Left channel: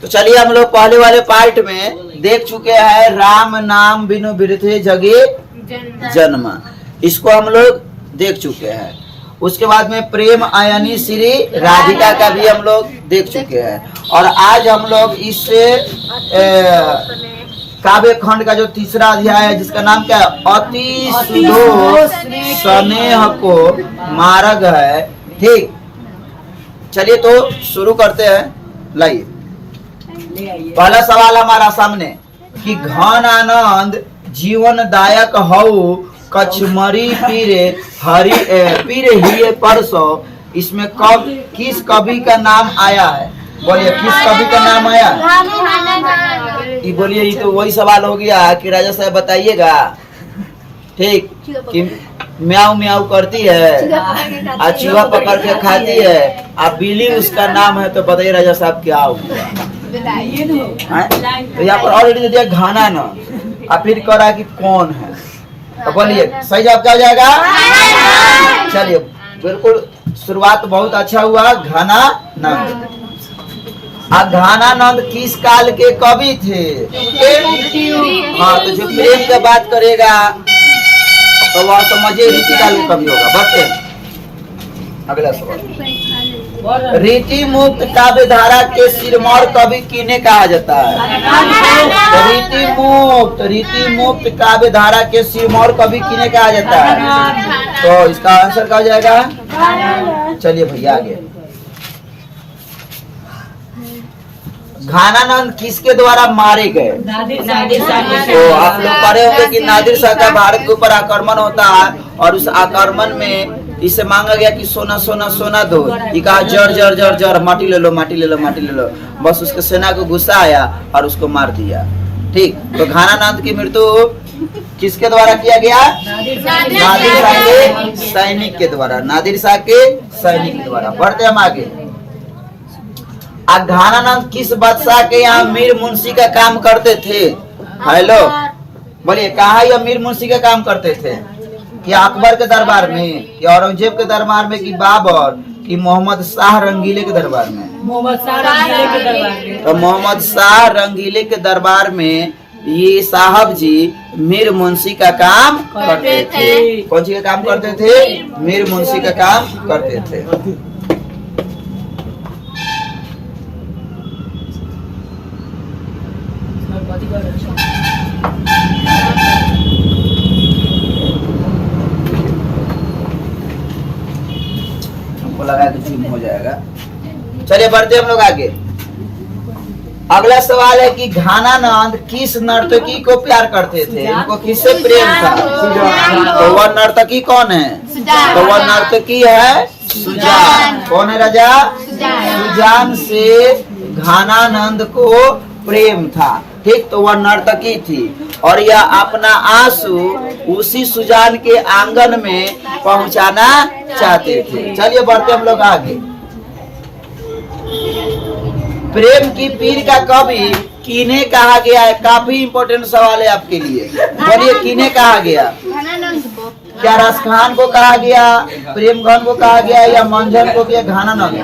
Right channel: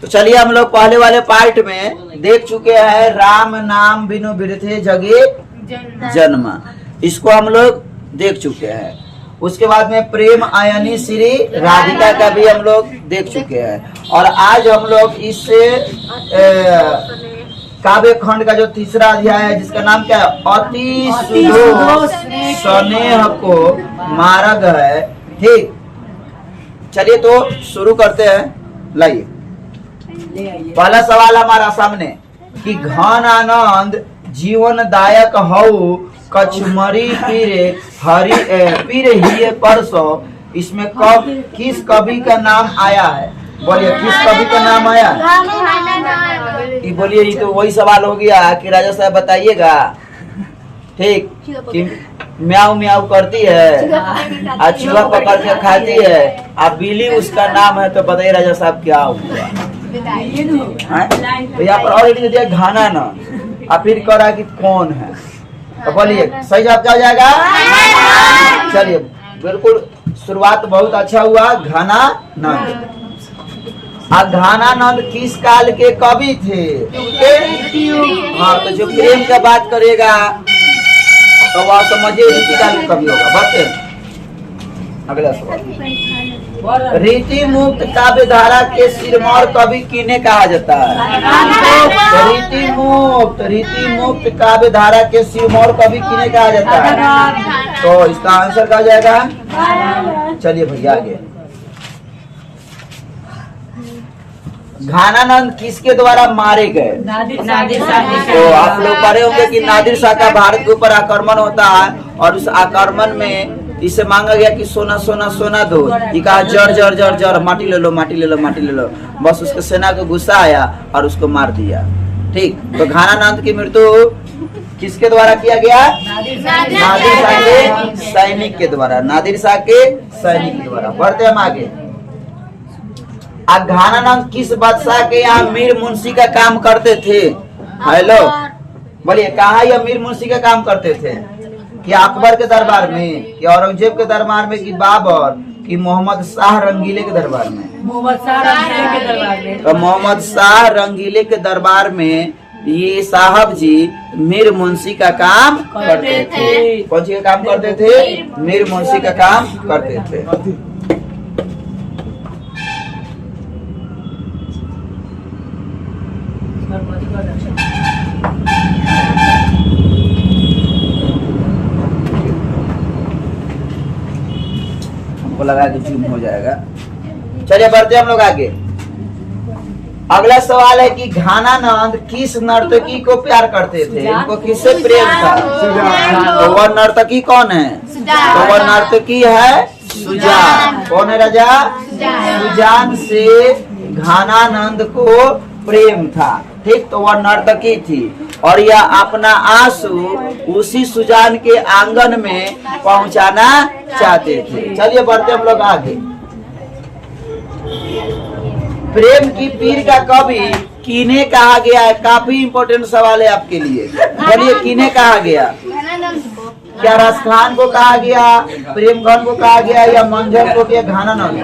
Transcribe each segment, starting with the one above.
तो चलिए हम लोग पहले वाले पार्ट में देख चुके हैं राम नाम बिनु बिरथे जगे जन्म, इसको हम लोग देख चुके हैं। उसके बाद में प्रेम आयनी श्री राधिका का भी हम लोग देख चुके हैं। और आज हम लोग इस काव्य खंड का जो तीसरा अध्याय है जिसका नाम क्या है, अति सुदो स्नेह को मार्ग है। ठीक, चलिए तो शुरू करते हैं। लाइए पहला सवाल हमारा सामने कि घन आनंद जीवन दायक हऊ कचमरी पीरे हरि पीरे ही परसो, इसमें कब किस कवि का नाम आया है? बोलिए किस कवि का नाम आया है? ये बोलिए, ये तो वही सवाल हो गया कि राजा साहब बताइएगा। ठीक, कि म्याऊ म्याऊ करती है और चूहा पकड़ के खाती है, अब बिल्ली उसका नाम है, तो बताइए राजा साहब क्या होगा? तो यहाँ पर ऑलरेडी दिया घाना ना, और फिर कह रहा है कि कौन है, तो बोलिए सही जवाब क्या हो जाएगा? चलिए बिल्कुल, शुरुआत बहुत अच्छा हुआ। घनानंद। घनानंद किस काल के कवि थे? हाँ, तो जो प्रेम का बात करेगा तो वह समझिए रीति काल के कवि होगा। बढ़ते अगला सवाल, रीति मुक्त काव्य धारा के सिरमौर कवि किन्हें कहा जाता है? रीति मुक्त काव्य धारा के सिरमौर कवि किन्हें कहा जाता है? तो इसका आंसर क्या हो जाएगा? चलिए भैया आगे। घनानंद किसके द्वारा मारे गए? तो आप लोग पढ़े होंगे कि नादिर शाह का भारत के ऊपर आक्रमण होता है, और उस आक्रमण में इससे मांगा गया कि सोना सोना सोना दो, ये कहा जर जर जर जर, माटी ले लो माटी ले लो माटी ले लो। बस उसके सेना को गुस्सा आया और उसको मार दिया। ठीक, तो घनानंद की मृत्यु किसके द्वारा किया गया? नादिर शाह के सैनिक के द्वारा। नादिर शाह के सैनिक के द्वारा। बढ़ते हम आगे। घनानंद किस बादशाह के यहाँ मीर मुंशी का काम करते थे? हेलो, बोलिए कहाँ यह मीर मुंशी का काम करते थे? कि अकबर के दरबार में, कि औरंगजेब के दरबार में, कि बाबर, कि मोहम्मद शाह रंगीले के दरबार में? तो मोहम्मद शाह रंगीले के दरबार में ये साहब जी मीर मुंशी का काम करते थे। कौन सी का काम करते थे? मीर मुंशी का काम करते थे। लगा के चुप हो जाएगा। चलिए बढ़ते हम लोग आगे। अगला सवाल है कि घनानंद किस नर्तकी को प्यार करते थे? इनको किससे प्रेम था? तो वह नर्तकी कौन है? तो वह नर्तकी है सुजान। कौन है राजा? सुजान से घनानंद को प्रेम था। ठीक, तो वह नर्तकी थी और यह अपना आंसू उसी सुजान के आंगन में पहुंचाना चाहते थे। चलिए बढ़ते हम लोग आगे। प्रेम की पीर का कवि किन्हें कहा गया है? काफी इंपॉर्टेंट सवाल है आपके लिए। बोलिए किन्हें कहा गया? क्या रसखान को कहा गया, प्रेमघन को कहा गया, या मंझन को, क्या घनानंद?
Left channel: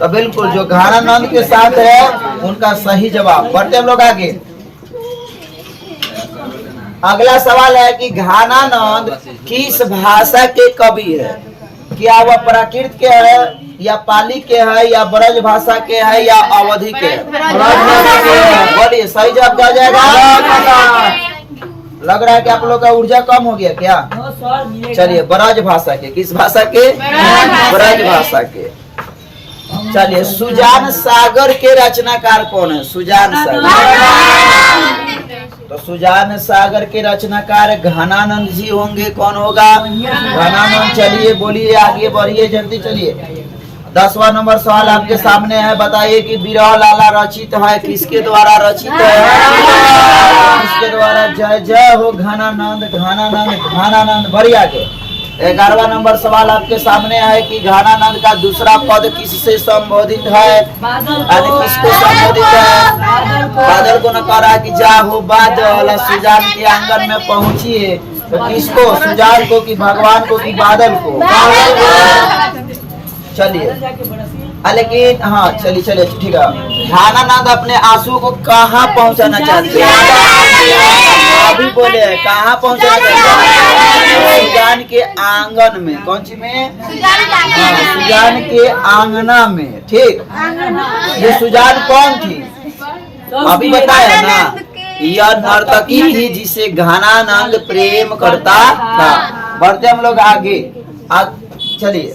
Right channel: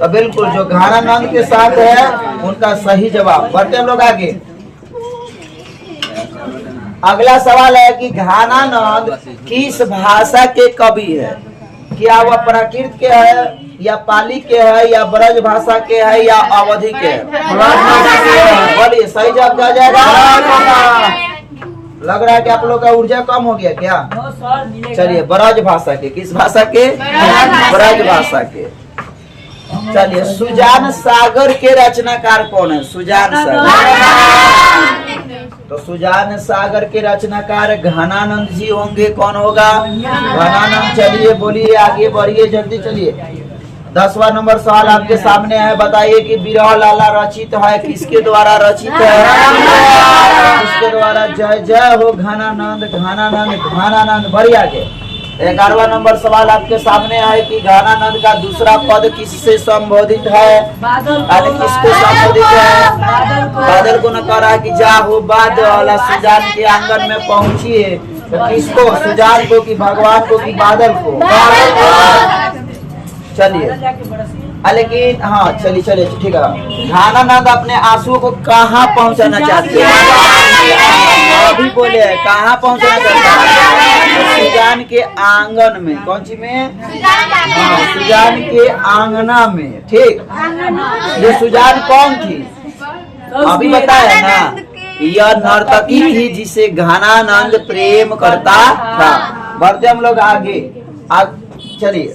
तो बिल्कुल जो घनानंद के साथ है उनका सही जवाब। बढ़ते हम लोग आगे। अगला सवाल है कि घनानंद किस भाषा के कवि है? क्या वह प्राकृत के है, या पाली के है, या ब्रज भाषा के है, या अवधि के है? बोलिए सही जवाब क्या जाएगा? लग रहा है कि आप लोग का ऊर्जा कम हो गया क्या? चलिए ब्रज भाषा के। किस भाषा के? ब्रज भाषा के। चलिए सुजान सागर के रचनाकार कौन है? सुजान सागर। तो सुजान सागर के रचनाकार घनानंद जी होंगे। कौन होगा? घनानंद। चलिए बोलिए आगे बढ़िए जल्दी। चलिए 10वां नंबर सवाल आपके सामने है। बताइए कि बिरह लाला रचित है किसके द्वारा रचित है? किसके द्वारा? जय जय हो घनानंद घनानंद घनानंद। बढ़िया आगे। 11वां नंबर सवाल आपके सामने है कि घनानंद का दूसरा पद किससे संबोधित है? किसको संबोधित है? बादल को न कहा कि जा हो बादल सुजान के आंगन में पहुंचिए। तो किसको? सुजान को, कि भगवान को, कि बादल को? चलिए लेकिन हाँ चलिए चलिए ठीक है। घानानंद अपने आंसू को कहाँ पहुँचाना चाहते हैं? अभी बोले कहाँ पहुँचाना चाहते हैं? सुजान के आंगन में। कौन सी में? सुजान के आंगना में। ठीक, ये सुजान कौन थी अभी बताया ना? यह नर्तकी थी जिसे घानानंद प्रेम करता था। बढ़ते हम लोग आगे। चलिए,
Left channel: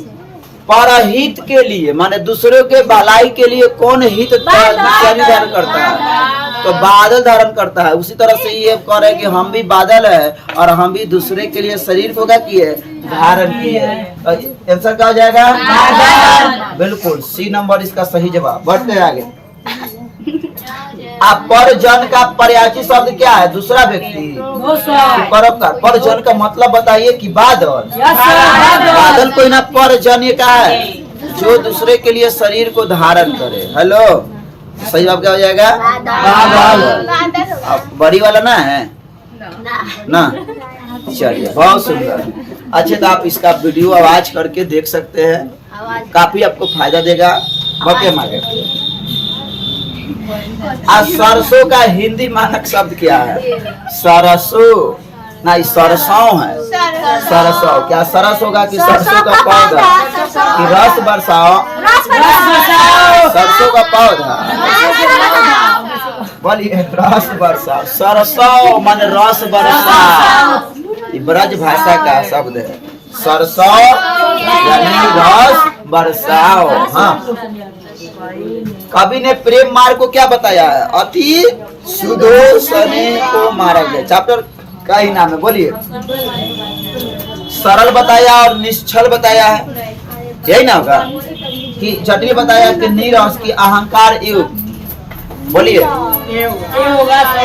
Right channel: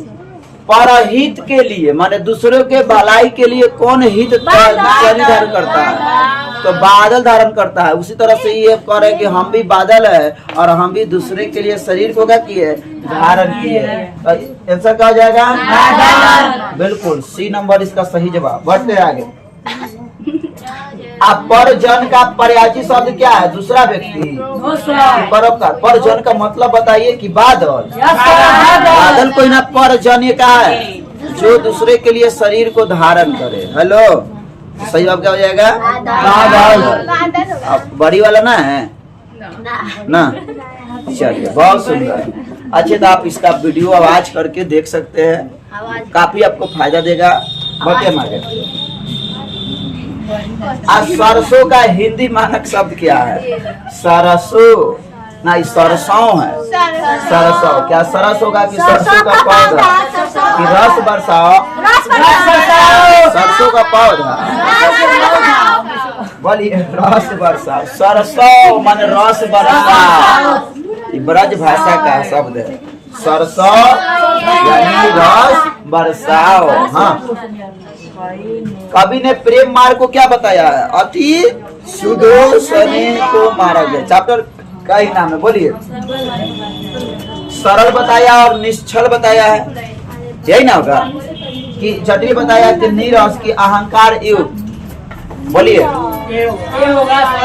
परहित के लिए माने दूसरों के भलाई के लिए कौन हित धारण करता है? तो बादल धारण करता है। उसी तरह से ये कह रहे कि हम भी बादल है और हम भी दूसरे के लिए शरीर को क्या किए? धारण किए। तो आंसर क्या हो जाएगा? बिल्कुल सी नंबर इसका सही जवाब। बढ़ते हैं आगे। अब परजन का पर्यायी शब्द क्या है? दूसरा व्यक्ति, परोपकार। परजन का मतलब बताइए कि बादल। बादल कोई ना परजन का है जो दूसरे के लिए शरीर को धारण करे। हेलो, सही जवाब क्या हो जाएगा? बादल। अब बड़ी वाला ना है ना? चलिए, बहुत सुंदर। अच्छे, तो आप इसका वीडियो आवाज करके देख सकते हैं, काफी आपको फायदा देगा। बढ़ते मारे। सरसों का हिंदी मानक शब्द क्या है? सरसों नहीं, सरसों है। सरसों क्या सरस होगा कि सरसों का पौधा कि रस बरसाओ? सरसों का पौधा। बोलिए रस बरसाओ। सरसों मान रस बरसाओ, ब्रज भाषा का शब्द है। सरसों यानी रस बरसाओ। हाँ, कवि ने प्रेम मार्ग को क्या बताया है? अति सुदोषणी को मारा गया। चैप्टर का ही नाम है। बोलिए, सरल बताया और निश्चल बताया है, यही ना होगा? कि जटिल बताया कि नीरस की अहंकार युक्त। बोलिए,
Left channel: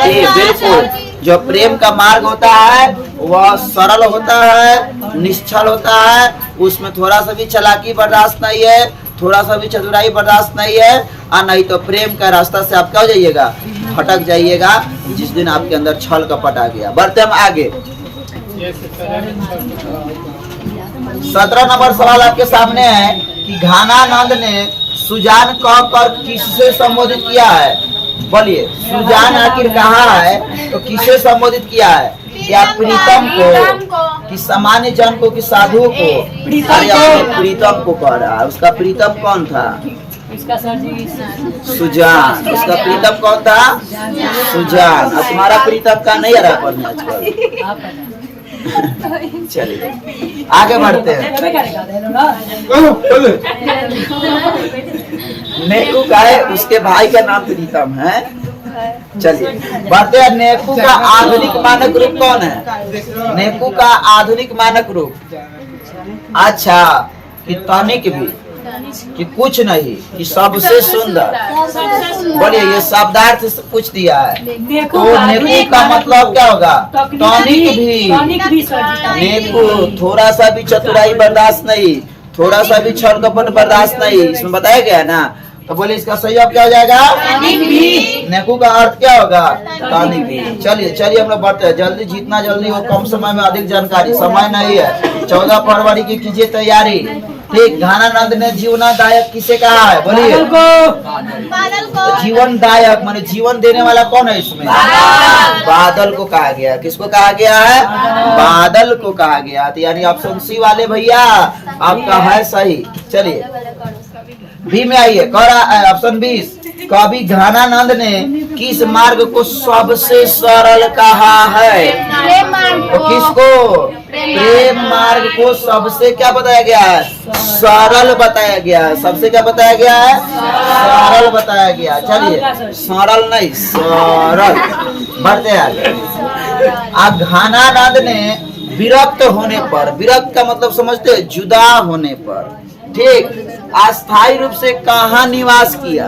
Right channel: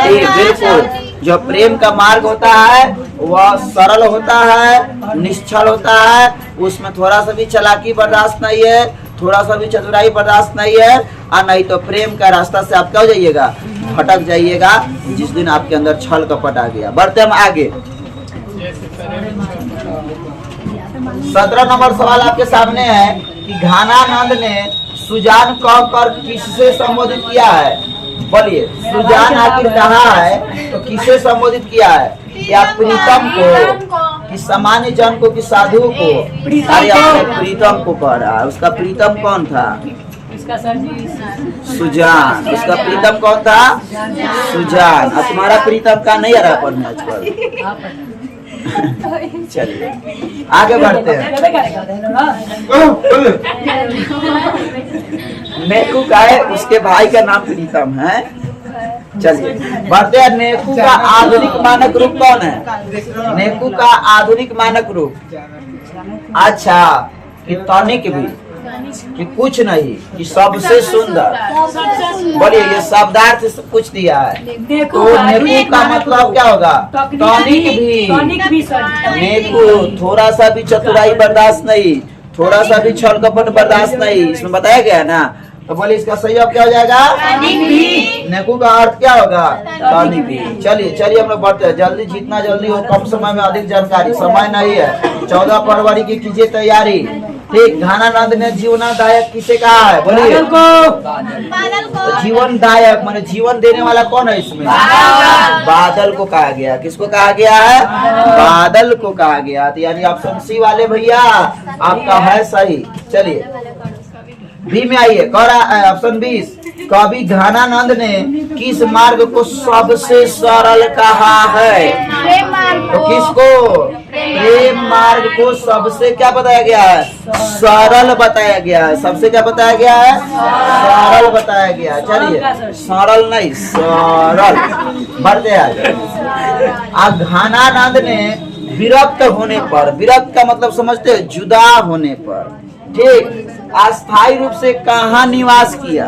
बिल्कुल। जो प्रेम का मार्ग होता है वह सरल होता है, निश्चल होता है, उसमें थोड़ा सा भी चालाकी बर्दाश्त नहीं है, थोड़ा सा भी चतुराई बर्दाश्त नहीं है, और नहीं तो प्रेम का रास्ता से आप क्या हो जाइएगा? भटक जाइएगा, जिस दिन आपके अंदर छल कपट आ गया। बढ़ते हम आगे। 17 नंबर सवाल आपके सामने है कि घानानंद ने सुजान कहकर किससे संबोधित किया है? बोलिए, सुजान आखिर कहाँ है तो किससे संबोधित किया है? क्या प्रीतम को कि सामान्य जन को कि साधु को? प्रीतम को कह रहा है। उसका प्रीतम कौन था? सुजान। उसका प्रीतम कौन था? सुजान। और तुम्हारा प्रीतम का नहीं आ रहा पढ़ने आजकल। चलिए आगे बढ़ते हैं। नेकू का है, उसके भाई का नाम प्रीतम है। चलिए बढ़ते हैं। नेकू का आधुनिक मानक रूप कौन है? नेकू का आधुनिक मानक रूप, अच्छा कि तनिक भी कि कुछ नहीं कि सबसे सुंदर। बोलिए, ये शब्दार्थ कुछ दिया है तो नेकू का मतलब क्या होगा? तनिक भी। नेकू थोड़ा सा भी चतुराई बर्दाश्त नहीं, थोड़ा सा भी छल कपट बर्दाश्त नहीं, इसमें बताया गया ना? तो बोलिए इसका सही जवाब क्या हो जाएगा? नेकू का अर्थ क्या होगा? तनिक भी। चलिए चलिए हम लोग बढ़ते हैं। जल्दी, जितना जल्दी हो, कम समय में अधिक जानकारी। समय नहीं है। 14 फरवरी की कीजिए तैयारी। ठीक, घानानंद ने जीवनदायक किसे कहा है? बोलिए, जीवनदायक माने जीवन देने वाला कौन है इसमें? बादल को कहा गया। किसको कहा गया है? बादल को कहा गया। तो यानी ऑप्शन सी वाले भैया आपका है सही। चलिए बी में आइए। कह रहा है ऑप्शन 20, कवि घानानंद ने किस मार्ग को सबसे सरल कहा है? तो किसको? प्रेम मार्ग को सबसे क्या बताया गया है? सरल बताया गया है। सबसे क्या बताया गया है? सरल बताया गया। चलिए, सरल नहीं सरल। बढ़ते आगे। घानानंद ने विरक्त होने पर, विरक्त का मतलब समझते हैं? जुदा होने पर, ठीक, अस्थायी रूप से कहाँ निवास किया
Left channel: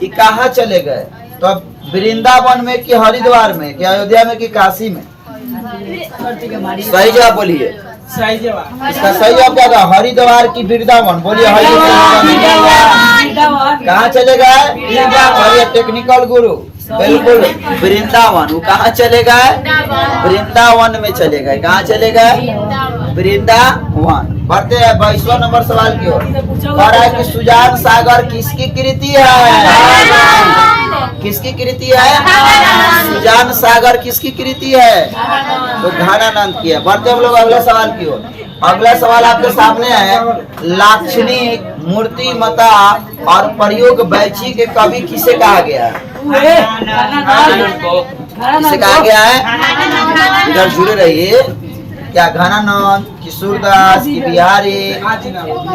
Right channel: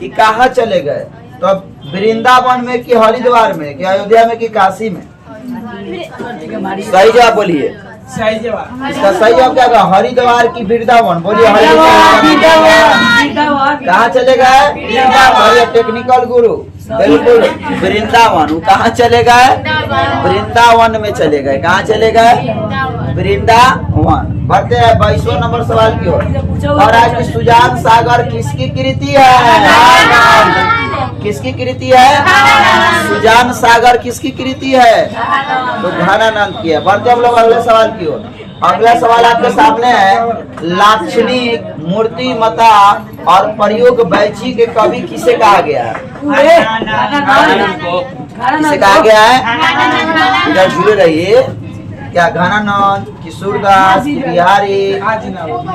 कि कहाँ चले गए? तो अब वृंदावन में कि हरिद्वार में कि अयोध्या में कि काशी में? सही जवाब बोलिए। इसका सही जवाब क्या होगा? हरिद्वार की वृंदावन। बोलिए हरिद्वार। कहाँ चले गए? टेक्निकल गुरु, बिल्कुल वृंदावन। वो कहाँ चले गए? वृंदावन में चले गए। कहाँ चले गए? वृंदावन। बढ़ते हैं 22वां नंबर सवाल की ओर। और है कि सुजान सागर किसकी कृति है? किसकी कृति है? सुजान सागर किसकी कृति है? तो घनानंद की है। बढ़ते हम लोग अगले सवाल की ओर। अगला सवाल आपके सामने है, लाक्षणिक, मूर्तिमता और प्रयोग बैची के कवि किसे कहा गया है? किसे कहा गया है? इधर जुड़े रहिए। क्या घनानंद, किशोरदास की बिहारी?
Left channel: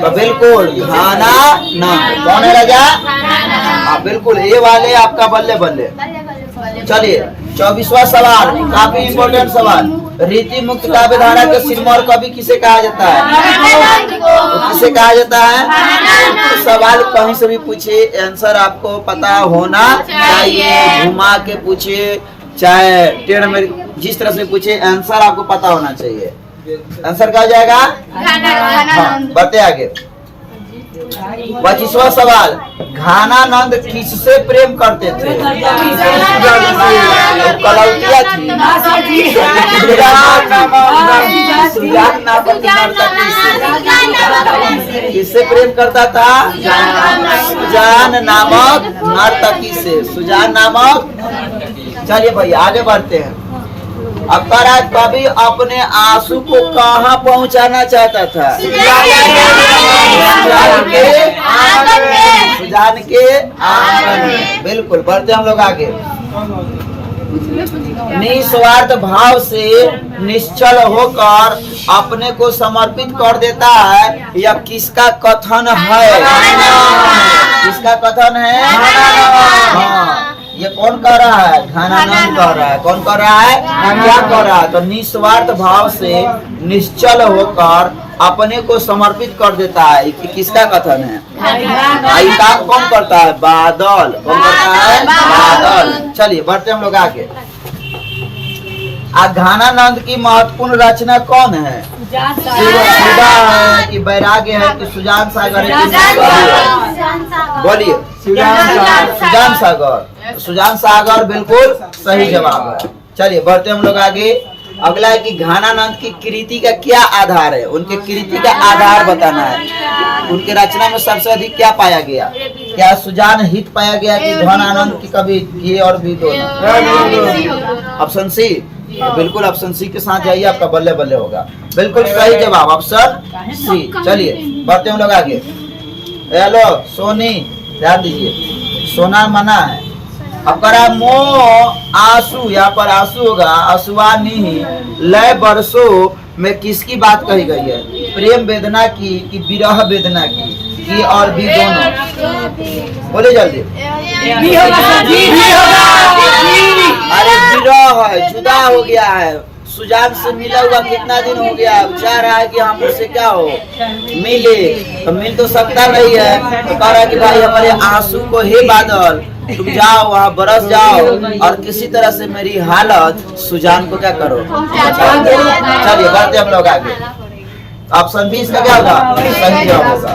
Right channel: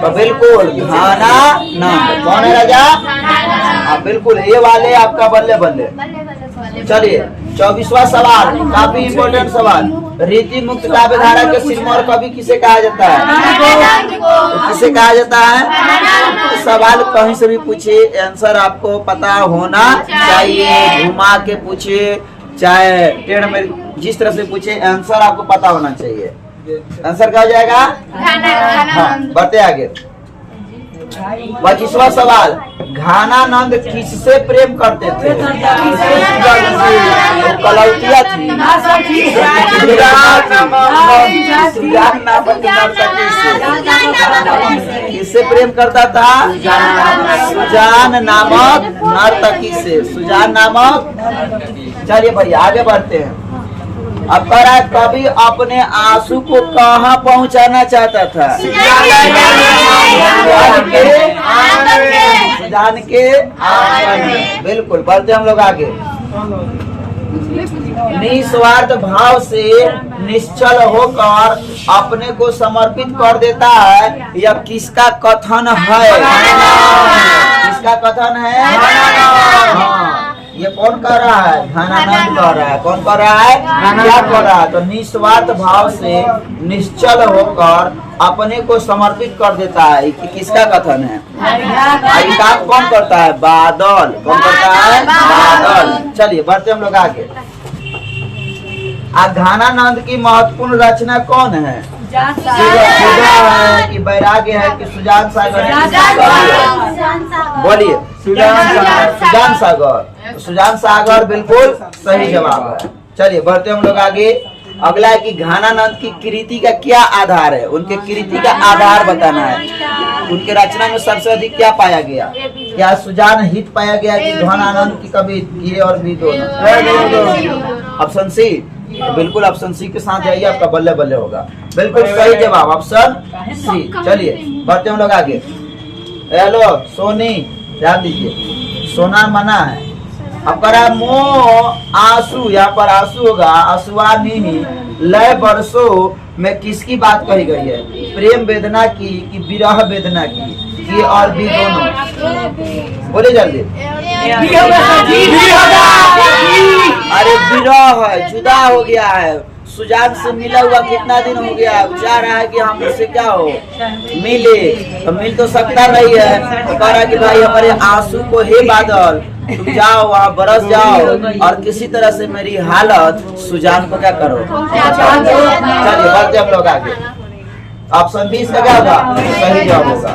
तो बिल्कुल घनानंद। कौन है राजा? हाँ बिल्कुल, ये वाले आपका बल्ले बल्ले। चलिए 24वां सवाल, काफी इम्पोर्टेंट सवाल। रीति मुक्त काव्य धारा के सिरमौर कवि किसे कहा जाता है? तो किसे कहा जाता है? तो सवाल कहीं से भी पूछे, आंसर आपको पता होना चाहिए। घुमा के पूछे चाहे टेढ़ में, जिस तरह से पूछे आंसर आपको पता होना चाहिए। आंसर क्या हो जाएगा? हाँ, बढ़ते आगे। 25वां सवाल, घनानंद किससे प्रेम करते थे? कलौतिया थी। किससे प्रेम करता था? सुजान नामक नर्तकी से। सुजान नामक। चलिए भाई आगे बढ़ते हैं। अब कवि अपने आंसू को कहाँ पहुँचाना चाहता था? सुजान के आंगन में। बिल्कुल, बढ़ते हम लोग आगे। निस्वार्थ भाव से निश्चल होकर अपने को समर्पित कर देता है, यह किसका कथन है? किसका कथन है? हाँ, ये कौन कह रहा है? घनानंद कह रहा है। कौन कह रहा है? क्या कह रहा है? तो निस्वार्थ भाव से निश्चल होकर अपने को समर्पित कर देता है, ये किसका कथन है? ये काम कौन करता है? बादल। कौन करता है? बादल। चलिए बढ़ते हम लोग आगे। घनानंद की महत्वपूर्ण रचना कौन है? सुधा है कि वैराग्य है कि सुजान सागर है? बोलिए। सुजान सागर। सुजान सागर बिल्कुल सही जवाब है। चलिए बढ़ते हम लोग आगे। अगला है कि घनानंद की कृति का क्या आधार है? उनके कृति का आधार बताना है। उनके रचना में सबसे अधिक क्या पाया गया? क्या सुजान हित पाया गया कि घनानंद की कवि ये और भी दोनों? Option C. बिल्कुल ऑप्शन सी के साथ जाइए, आपका बल्ले बल्ले होगा। बिल्कुल सही जवाब ऑप्शन सी। चलिए बढ़ते हम लोग आगे। हेलो सोनी, ध्यान दीजिए, सोना मना है। अब करा मोह आंसू, यहाँ पर आंसू होगा। आंसुआनी लय बरसों में किसकी बात कही गई है? प्रेम वेदना की कि विरह वेदना की और भी दोनों? बोले जल्दी। अरे विरह है, जुदा हो गया है। सुजान से मिला हुआ कितना दिन हो गया है? चाह रहा है कि हम उससे क्या हो, मिले। तो मिल तो सकता नहीं है। तो कह रहा है कि भाई हमारे आंसू को हे बादल, तुम जाओ वहाँ बरस जाओ और किसी तरह से मेरी हालत सुजान को क्या करो। चलिए बढ़ते हम लोग आगे। ऑप्शन बी इसका क्या होगा? सही जवाब होगा।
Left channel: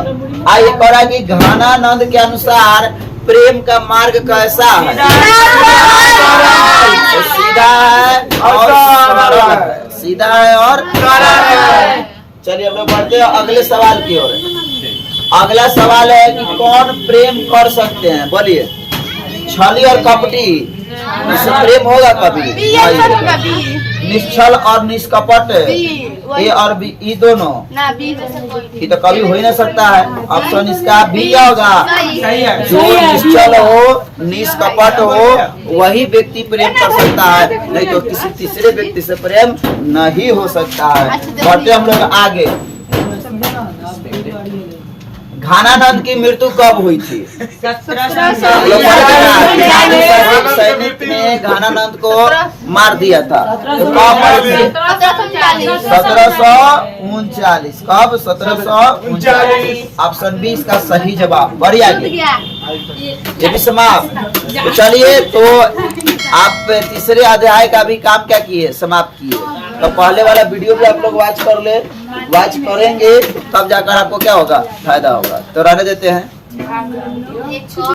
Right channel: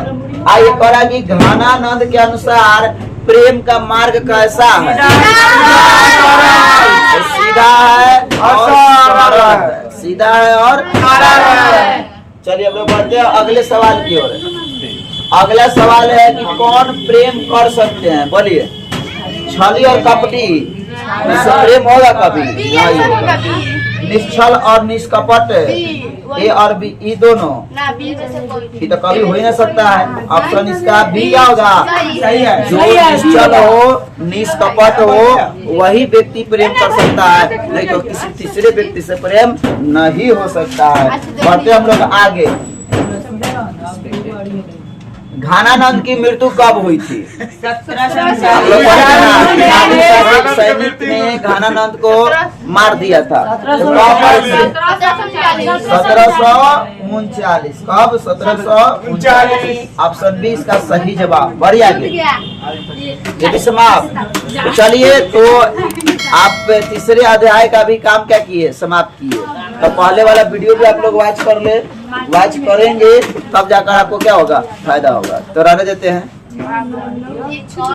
आइए कह रहा है कि घनानंद के अनुसार प्रेम का मार्ग कैसा है? सीधा है और सरल है। सीधा है और सरल है। चलिए हम लोग बढ़ते हैं अगले सवाल की ओर। अगला सवाल है कि कौन प्रेम कर सकते हैं? बोलिए। छली और कपटी, इससे प्रेम होगा कभी? निश्चल और निष्कपट, ए और बी, ये दोनों ये तो कभी हो ही नहीं सकता है। ऑप्शन इसका बी क्या होगा? जो निश्चल हो, निष्कपट हो, वही व्यक्ति प्रेम कर सकता है, नहीं तो किसी तीसरे व्यक्ति से प्रेम नहीं हो सकता है। बढ़ते हम लोग आगे। घनानंद की मृत्यु कब हुई थी? सैनिक ने घनानंद को मार दिया था। तो कब हुई थी? 1739। कब? 1739। ऑप्शन बी इसका सही जवाब। बढ़िया ये भी समाप्त। तो चलिए, तो आप तीसरे अध्याय का भी काम क्या किए? समाप्त किए। तो पहले वाला वीडियो भी आप लोग वॉच कर ले, वॉच करेंगे तब जाकर आपको क्या होगा? फायदा होगा। तो रहने देते हैं।